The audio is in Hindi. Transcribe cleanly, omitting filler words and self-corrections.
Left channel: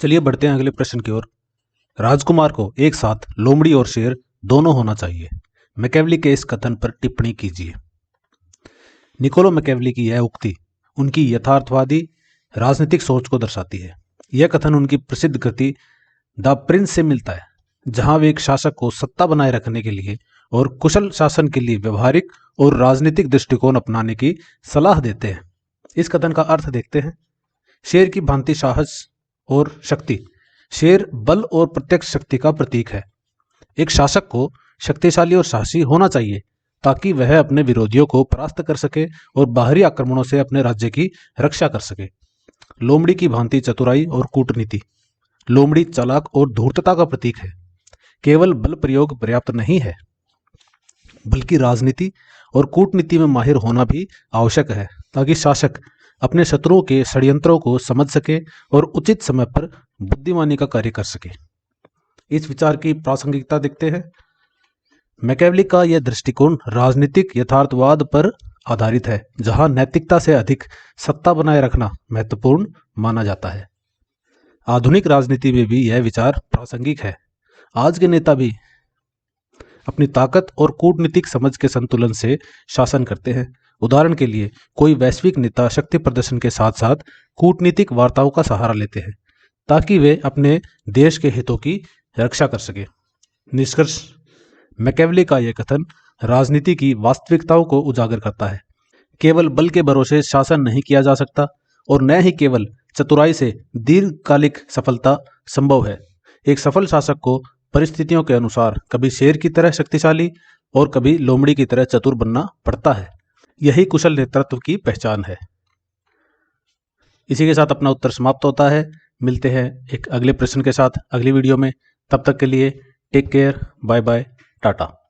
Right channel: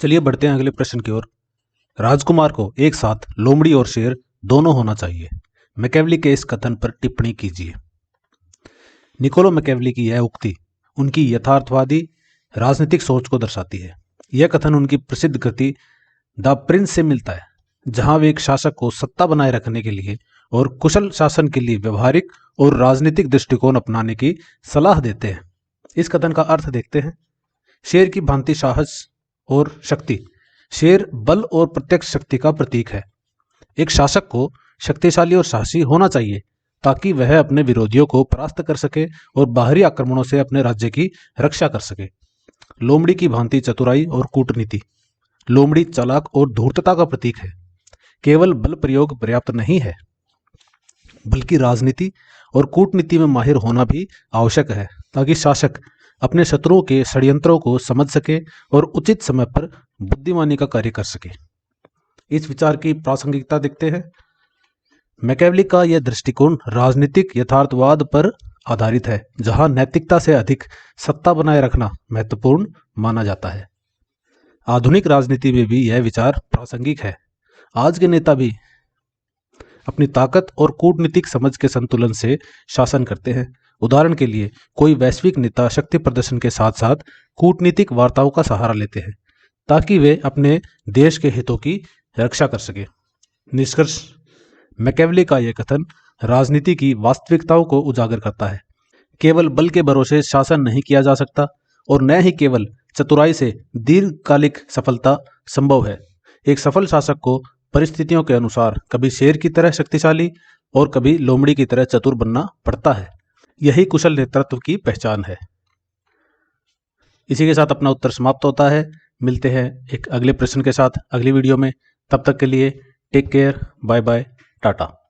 चलिए बढ़ते हैं अगले प्रश्न की ओर। राजकुमार को एक साथ लोमड़ी और शेर दोनों होना चाहिए। मैकेवली के इस कथन पर टिप्पणी कीजिए। निकोलो मैकेवली की यह उक्ति उनकी यथार्थवादी राजनीतिक सोच को दर्शाती है। यह कथन उनकी प्रसिद्ध कृति द प्रिंस से मिलता है, जहां वे एक शासक को सत्ता बनाए रखने के लिए और कुशल शासन के लिए व्यवहारिक और राजनीतिक दृष्टिकोण अपनाने की सलाह देते हैं। इस कथन का अर्थ देखते हैं। शेर की भांति साहस और शक्ति। शेर बल और प्रत्यक्ष शक्ति का प्रतीक है। एक शासक को शक्तिशाली और साहसी होना चाहिए ताकि वह अपने विरोधियों को परास्त कर सके और बाहरी आक्रमणों से अपने राज्य की रक्षा कर सके। लोमड़ी की भांति चतुराई और कूटनीति। लोमड़ी चालाक और धूर्तता का प्रतीक है। केवल बल प्रयोग पर्याप्त नहीं है, बल्कि राजनीति और कूटनीति में माहिर होना भी आवश्यक है ताकि शासक अपने शत्रुओं के षड्यंत्रों को समझ सके और उचित समय पर बुद्धिमानी का कार्य कर सके। इस विचार की प्रासंगिकता देखते हैं। मैकेवली का यह दृष्टिकोण राजनीतिक यथार्थवाद पर आधारित है, जहां नैतिकता से अधिक सत्ता बनाए रखना महत्वपूर्ण माना जाता है। आधुनिक राजनीति में भी यह विचार प्रासंगिक है। आज के नेता भी अपनी ताकत और कूटनीतिक समझ के संतुलन से शासन करते हैं। उदाहरण के लिए कोई वैश्विक नेता शक्ति प्रदर्शन के साथ साथ कूटनीतिक वार्ताओं का सहारा लेते हैं ताकि वे अपने देश के हितों की रक्षा कर सके। निष्कर्ष, मैकेवली का यह कथन राजनीति की वास्तविकताओं को उजागर करता है। केवल बल के भरोसे शासन नहीं किया जा सकता और न ही केवल चतुराई से दीर्घकालिक सफलता संभव है। एक सफल शासक को परिस्थितियों के अनुसार कभी शेर की तरह शक्तिशाली और कभी लोमड़ी की तरह चतुर बनना पड़ता है। यही कुशल नेतृत्व की पहचान है। इसी के साथ अपना उत्तर समाप्त होता है। मिलते हैं एक अगले प्रश्न के साथ अगली वीडियो में। तब तक के लिए take care, bye bye, Tata.